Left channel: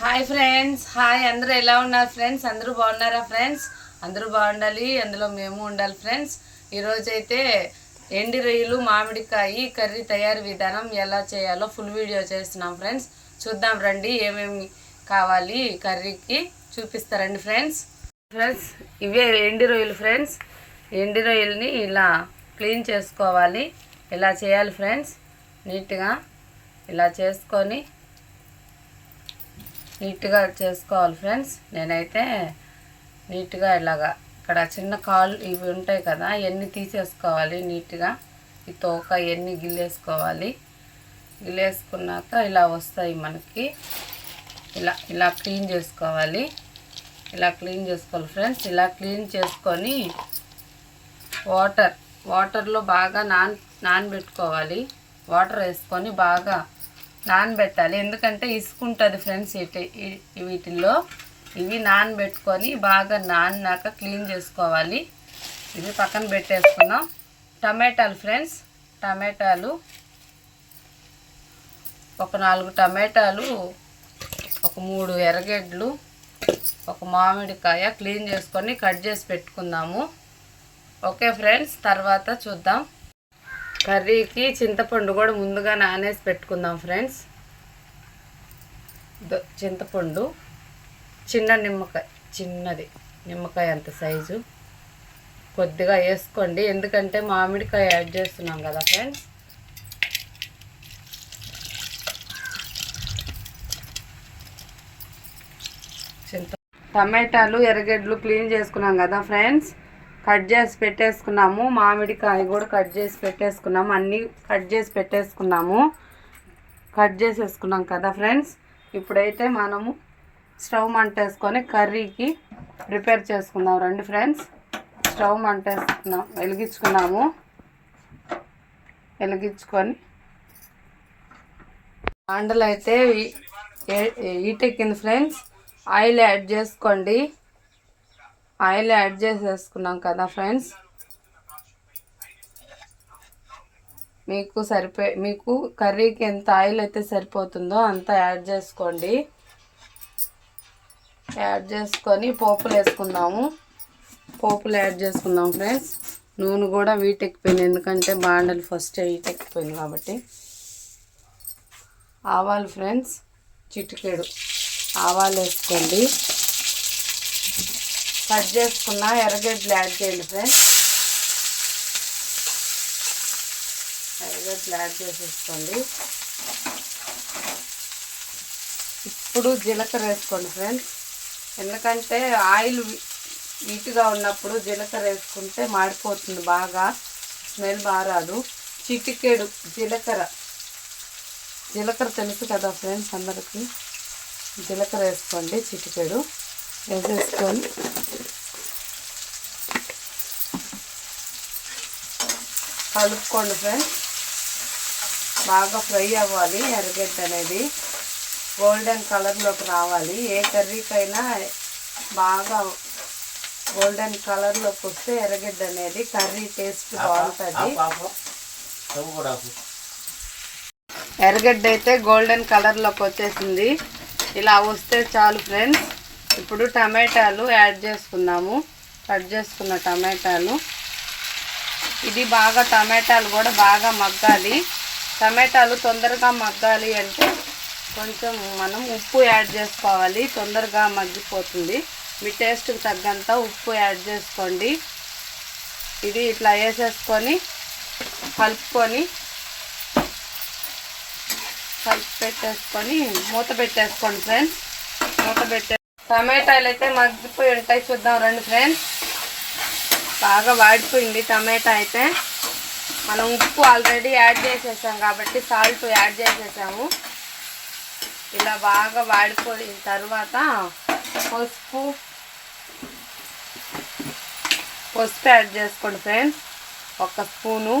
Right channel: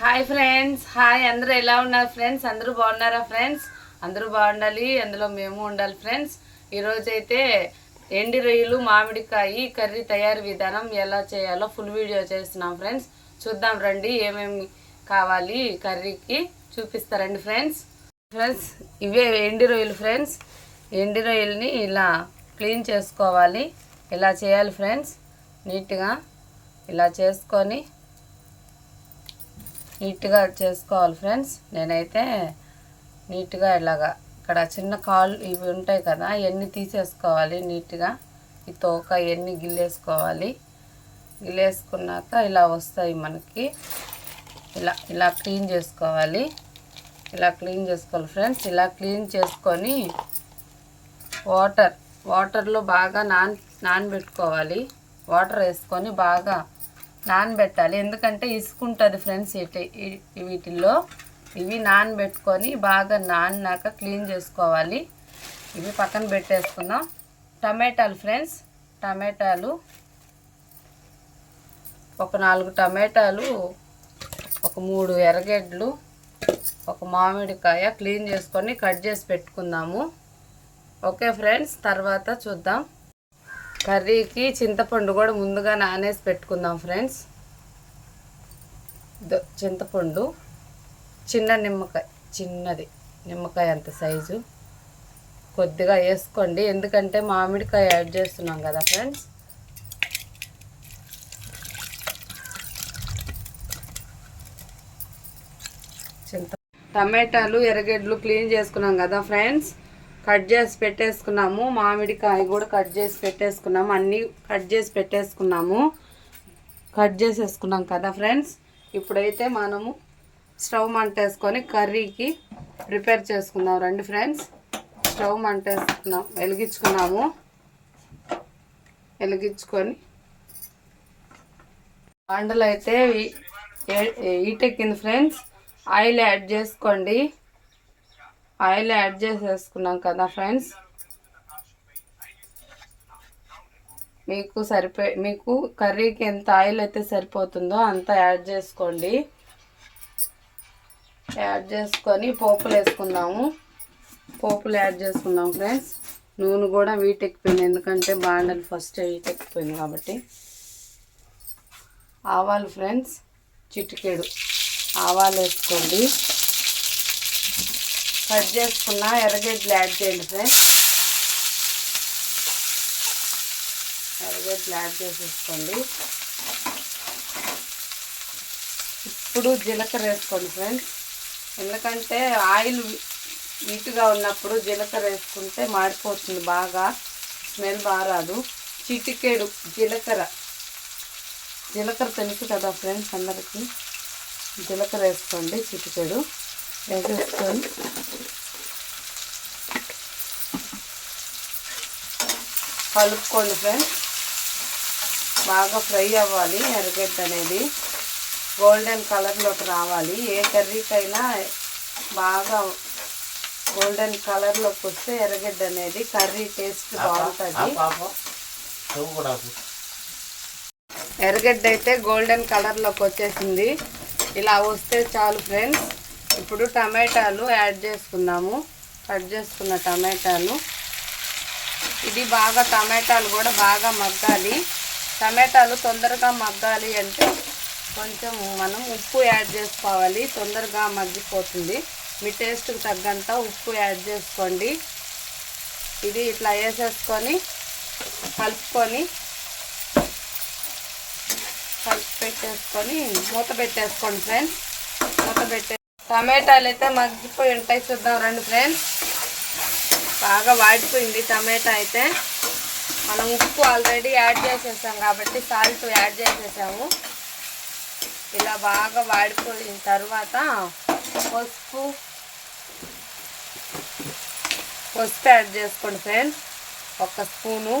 Hi friends hi. అందరూ ఎలా ఉన్నారు ఫ్రెండ్స్? అందరూ బాగున్నారా ఫ్రెండ్స్? అందరూ బాగుండాలి. అందులో మేము ఉండాలి ఫ్రెండ్స్. ఈరోజు అయితే ఎండి రొయ్యలు మామిడికాయ కర్రీ తయారీ విధానం ఎలా చేయాలో ఫుల్ వీడియో చేస్తున్నాం ఫ్రెండ్స్. చూద్దాం రండి ఏమేమి కావాలి కర్రీకి. చూపిస్తారండి ఫ్రెండ్స్. ఫ్రెండ్స్ ఇవే ఎండి రొయ్యలు ఫ్రెండ్స్. ఎండి రొయ్యల్ని ఇలా క్లీన్ చేసుకోవాలి. ఇలా చేయాలి ఫ్రెండ్స్? నీట్గా ఇలా చేసుకొని నీట్గా చేసుకోవాలి ఫ్రెండ్స్. నేనైతే నీట్గా ఇలాగా ఇక్కడ చిన్న కాళ్ళు ఇవి ఉంటాయి కదా ఇవన్నీ తీసేసుకోవాలి నీట్గా? ఈ తోక ఇవన్నీ గిల్లేసుకోవాలి? గిల్లేసుకున్నాక ఇలా వస్తాయి మనకి. ఇలా ఇలా క్లీన్ చేసుకోవాలి. ఇలా క్లీన్ చేసుకోవాలి ఫ్రెండ్స్. ఇలా క్లీన్ చేసుకొని వాటర్ వాటర్లో బాగా నాన్ నానబెట్టుకోవాలి. వాటర్ వేసుకొని బాగా నానబెట్టాలి. ఎందుకంటే ఇసుకుంటుంది ఫ్రెండ్స్ ఇటు వీటిల్లో. ఇవి నానబెట్టుకొని బాగా నానినాక క్లీన్ చేసుకోవాలి. ఇవి పక్కన పెట్టేసుకున్నాం టమాటాలు ఫ్రెండ్స్. టమాటాలు. ఒక నాలుగు టమాటాలు. ఒక మూడు ఎర్రగడ్డలు. ఒక మామిడికాయ క్లీన్ చేసుకొని కట్ చేసి పెట్టుకుందాము. ఓకే ఫ్రెండ్స్ తర్వాత చూద్దాం. కర్రీకి చింతపండు కూడా ముందుగా నానేసి పెట్టుకుందాం ఫ్రెండ్స్. చింతపండు చిన్న నిమ్మకాయ చిన్నది నిమ్మకాయ అంత సైజు. కొద్దిగా వేసుకోండి ఎందుకంటే మామిడికాయ యాడ్ చేస్తున్నాం కదా ఫ్రెండ్స్. చింత టమాటాలు ఎర్రగడ్డలు క్లీన్ చేసుకున్నాం కదా ఫ్రెండ్స్. కట్ చేసి పెట్టేసుకున్నాము. మామిడికాయ కూడా కట్ చేసి పెట్టేసుకున్నాము. అన్నీ కట్ చేసి పెట్టేసుకున్నాము. కట్ చేసేసుకున్నాం కదా ఫ్రెండ్స్. ఇప్పుడైతే మనము స్టవ్ మంటేసుకొని కర్రీకి ప్రిపేర్ చేసుకుందాం రండి ఫ్రెండ్స్. స్టవ్ మంటేసుకున్నాం. వెలిగించుకున్నాము. వెలిగించుకొని బాండలు అయితే ఈటెక్కింది ఫ్రెండ్స్. ఆయిల్ యాడ్ చేసుకోండి. ఆయిల్ యాడ్ చేసేసుకున్నాం కదా ఫ్రెండ్స్. మీకు సరిపోయే మీకు కర్రీకి ఎంత ఆయిల్ అయితే సరిపోతుందో అంత యాడ్ చేసుకోండి. యాడ్ చేసుకొని పోపులు వేసుకుందాము. పోపులు యాడ్ చేసుకుందాం ఫ్రెండ్స్. నూనె కూడా వీటెక్కిపోయింది ఎందుకంటే బాండలు ఫస్ట్ వీటెక్కిపోయింది కాబట్టి. ఆవాలు ఫ్రెండ్స్ చిటికెడు. ఆవాలు వేసుకోండి. కట్ చేసుకున్న ఎర్రగడ్డలు యాడ్ చేయండి ఫ్రెండ్స్. ఎర్రగడ్డలు యాడ్ చేసేసుకోండి. ఇప్పుడు జీలకర్ర వేసుకోండి ఫ్రెండ్స్. ఎందుకంటే ఆయిల్ నీట్గా ఉన్నప్పుడు జీలకర్ర వేసుకుంటే మాడిపోతుంది బాగా. స్మెల్ బాగా చిటికేడు చిటికెడు జీలకర్ర. జీలకర్ర తెలుసు కదా ఫ్రెండ్స్ అందరికీ. జీలకర్ర వేసుకోండి చిటికెడు. వేసేసుకొని కలుపుకోండి ఫ్రెండ్స్. బాగా ఫ్రై అవ్వాలి ఎర్రగడ్డ అనేది. గోల్డెన్ కలర్లోకి రావాలి. ఏ కర్రీకైనా బాగా గోల్డెన్ కలర్లోకి వస్తే ఎర్రగడ్డ అనేది కర్రీ టేస్ట్ బాగుంటుంది. ఎర్రగడ్డ అయితే గోల్డెన్ కలర్లోకి వచ్చేసింది. ఇలా వస్తే చాలు ఫ్రెండ్స్. ఇప్పుడు టమాటాలు యాడ్ చేసుకుందాము. కట్ చేసుకున్న టమాటాలు. ఇది బాగా టమాటాలు కూడా బాగా మగ్గాలి. టమాటాలు తొందరగా మగ్గాలి అంటే కొంచెం మనం ఉప్పు యాడ్ చేసుకోవాలి. తొందరగా మగ్గిపోతుంది. మీ టేస్ట్కి తగ్గంత ఉప్పు యాడ్ చేసుకోండి. ఇది ఇట్లా వేసేసుకొని కలుపుకొని కలిపి పెట్టేసుకొని మూత పెట్టేసుకోండి ఫ్రెండ్స్. మూత పెట్టే టమాటాలు అయితే మగ్గిపోయి ఉంటాయి. చూద్దాం రండి ఫ్రెండ్స్. బాగా వాడిపోయింది టమాటా అయితే. మనం ఉప్పు ఆల్రెడీ యాడ్ చేసేసాం కాబట్టి సాల్ట్ యాడ్ చేసేసాము. ఇలా బాగా వాడిపోయిన తర్వాత పసుపు పసుపు యాడ్ చేసుకోండి ఫ్రెండ్స్. ఒక స్పూను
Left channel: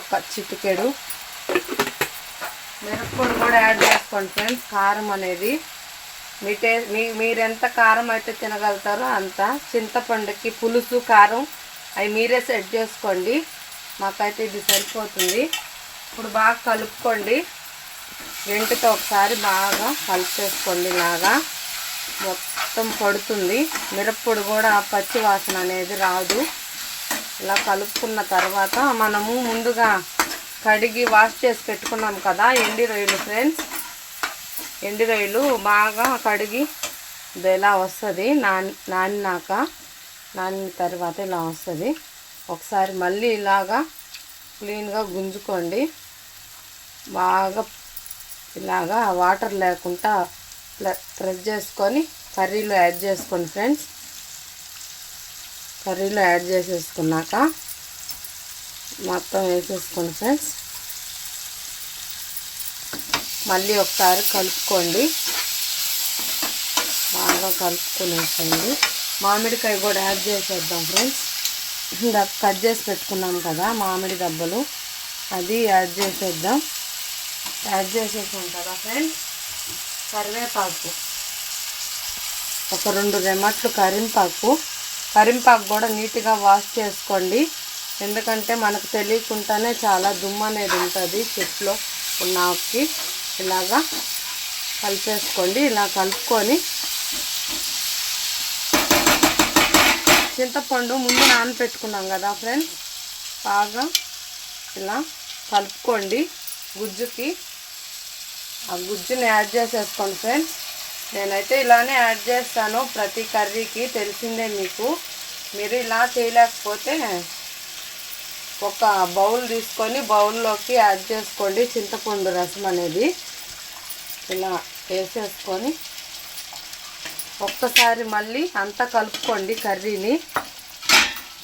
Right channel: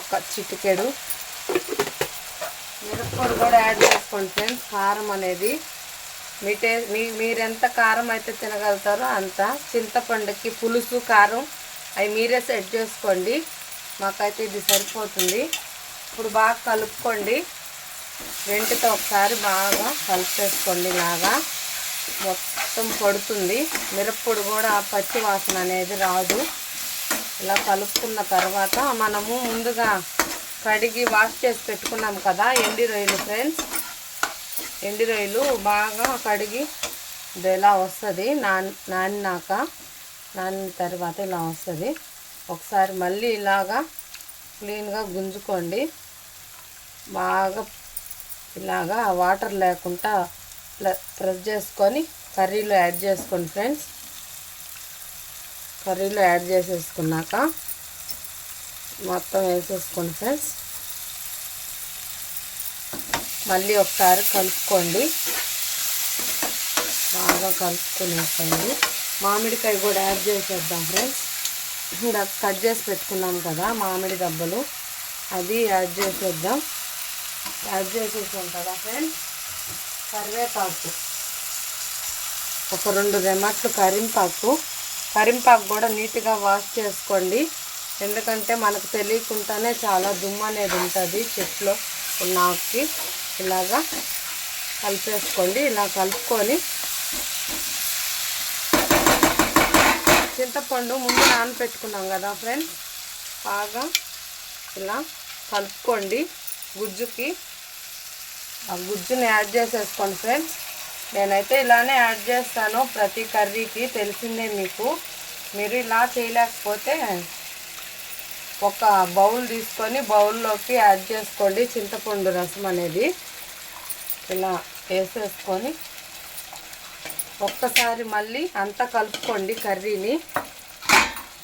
ఒక చిటికెడు. మిరప్పొడి కూడా యాడ్ చేసుకోండి ఫ్రెండ్స్. కారం అనేది మీ టే మీ మీరెంత కారం అయితే తినగలుగుతారో అంత చింతపండుకి పులుసు కారం అవి మీరే సెట్ చేసుకోండి. మాకైతే ఇది సరిపోతుంది. ఇప్పుడు బాగా కలుపుకోండి. వెంటతో ఒకసారి బాగా కలిపేసుకోండి ఇలాగా. మొత్తం పడుతుంది. మిరప్పొడి కూడా పచ్చి వాసన అనేది రాదు. ఇలా కలుపుకున్న తర్వాత మనము ముందుగా కడిగి వాష్ చేసి పెట్టుకున్నాం కదా ఎండి రొయ్యలు ఫ్రెండ్స్? ఎండి రొయ్యలు బాగా కడిగి ఇది ఇలా వస్తుంది. నాని నానినాక నానిన తర్వాత ఇలా వస్తుంది. ఒకసారి మళ్ళీ ఇలాగా క్లీన్గా గుంజుకోండి. బాగా ఇలాగా వాటర్ లేకుండా ప్రెస్ చేసుకొని కర్రీలో యాడ్ చేసుకోండి ఫ్రెండ్స్. కర్రీలో యాడ్ చేసేసుకున్నాక మొత్తం వేసేసుకోండి ఫ్రెండ్స్. మళ్ళీ ఒకసారి కలుపుకోండి. బాగా కలుపుకునేసండి మామిడికాయ కూడా యాడ్ చేసేద్దాం ఫ్రెండ్స్. ఇలా కట్ చేసి పెట్టుకున్నాం కదా మామిడి దెబ్బలు అది యాడ్ చేసేద్దాం. యాడ్ చేసేసాం కదా ఫ్రెండ్స్. కరివేపాకు. ఒక రెండు రెమట్లు కరింపాకు కరింపాకు కూడా నీట్గా వాష్ చేసుకోండి. ఎందుకంటే మనకు తెలియకుండానే చాలా దుమ్ము అనేది ఉంటుంది చెట్లో ఉన్న ఆకుకి ఇలాగా కలిపేసుకోండి. ఇలా కలుపుకొని చింతపండు ముందు నానపెట్టుకున్నాం కదా ఫ్రెండ్స్. బాగా ఇలా కలుపుకోండి. గుజ్జుకి ఆ గుజ్జుని యాడ్ చేసేసుకోండి ఫ్రెండ్స్. నేనైతే ఇలానే యాడ్ చేస్తాను. ప్రతి కర్రీకి తెలిసిందే మీకు. మీరు ఇలా చేయలేకపోతే ఒక బౌల్ తీసుకొని బౌల్లోకి యాడ్ చేసుకోండి. చింతపండు రసం అనేది ఇలా వేసేసుకొని ఒక్కసారి మళ్ళీ అంతా కలుపుకోండి కర్రీని.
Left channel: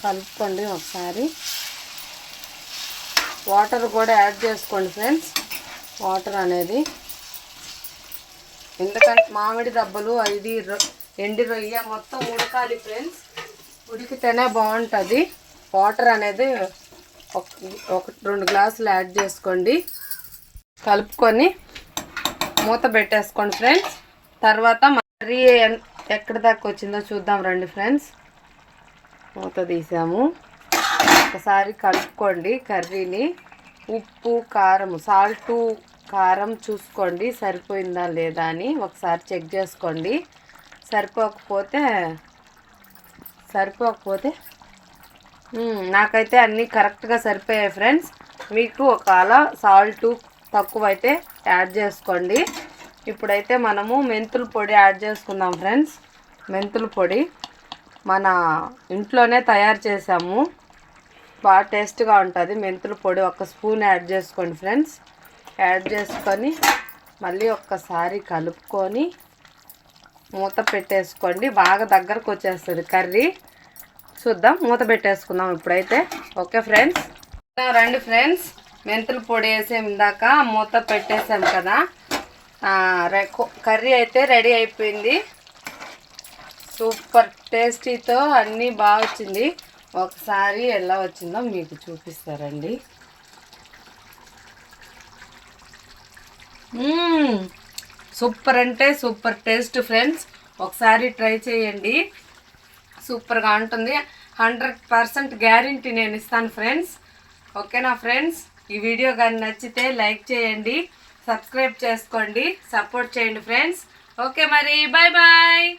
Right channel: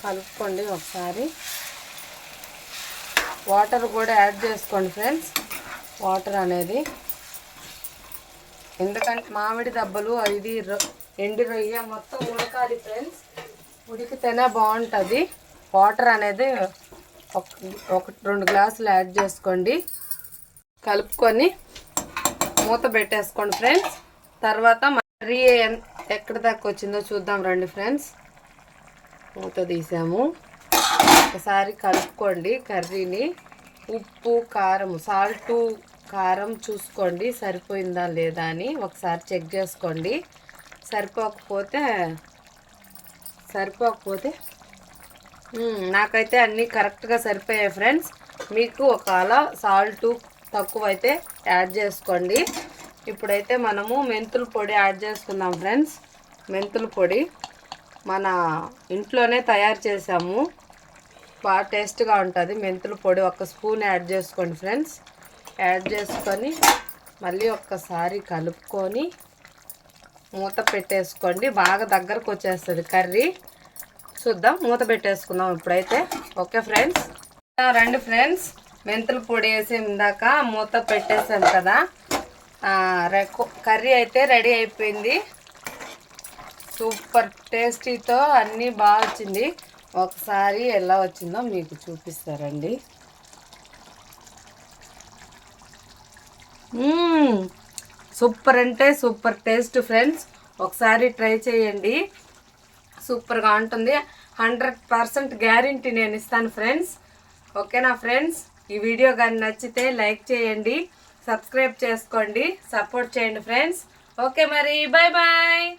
కలుపుకోండి ఒకసారి. వాటర్ కూడా యాడ్ చేసుకోండి ఫ్రెండ్స్. వాటర్ అనేది ఎందుకంటే మామిడి దెబ్బలు ఇది ఎండి రొయ్య మొత్తం ఉడకాలి ఫ్రెండ్స్. ఉడికితేనే బాగుంటుంది. వాటర్ అనేది ఒక ఒక రెండు గ్లాసులు యాడ్ చేసుకోండి. కలుపుకొని మూత పెట్టేసుకోండి ఫ్రెండ్స్. తర్వాత మరీ ఎక్కడ దాకా వచ్చిందో చూద్దాం రండి ఫ్రెండ్స్. మూత తీసాము. ఒకసారి కలుపుకోండి కర్రీని. ఉప్పు కారం సాల్టు కారం చూసుకోండి. సరిపోయిందా లేదా అని ఒకసారి చెక్ చేసుకోండి. సరిపోకపోతే సరిపోకపోతే నాకైతే అన్నీ కరెక్ట్గా సరిపోయాయి ఫ్రెండ్స్. మీకు ఒకవేళ సాల్ట్ తక్కువ అయితే యాడ్ చేసుకోండి. ఇప్పుడైతే మనము మెంతుల పొడి యాడ్ చేసుకుందాం ఫ్రెండ్స్. మెంతుల పొడి మన ఇంట్లోనే తయారు చేసాము. బాగా టేస్ట్గా ఉంటుంది. మెంతుల పొడి ఒక స్పూన్ యాడ్ చేసుకోండి ఫ్రెండ్స్. యాడ్ చేసుకొని మళ్ళీ ఒక్కసారి కలుపుకొని మూత పెట్టేసుకోండి. బాగా దగ్గరకు వచ్చేస్తుంది కర్రీ. చూద్దాం. మూత పెట్టేసుకుందాం ఇప్పుడైతే. Okay friends? రండి ఫ్రెండ్స్. మెంతుల పొడి వేసే ఇందాక మూత పెట్టేసాం కదా. కర్రీ అయితే రెడీ అయిపోయింది. సూపర్ టేస్టీతో అన్నీ బాగా వచ్చింది. ఒకసారి ఎలా వచ్చిందో మీకు చూపిస్తారండి. సూపర్ అంటే సూపర్ టేస్ట్ ఫ్రెండ్స్. ఒకసారి ట్రై చేయండి. సూపర్గా ఉంటుంది. హండ్రెడ్ పర్సెంట్ గ్యారంటీ నేను ఇస్తాను ఫ్రెండ్స్. ఓకేనా ఫ్రెండ్స్? ఈ వీడియో కానీ నచ్చితే లైక్ చేయండి సబ్స్క్రైబ్ చేసుకోండి సపోర్ట్ చేయండి ఫ్రెండ్స్. ఓకే మరి బాయ్ బాయ్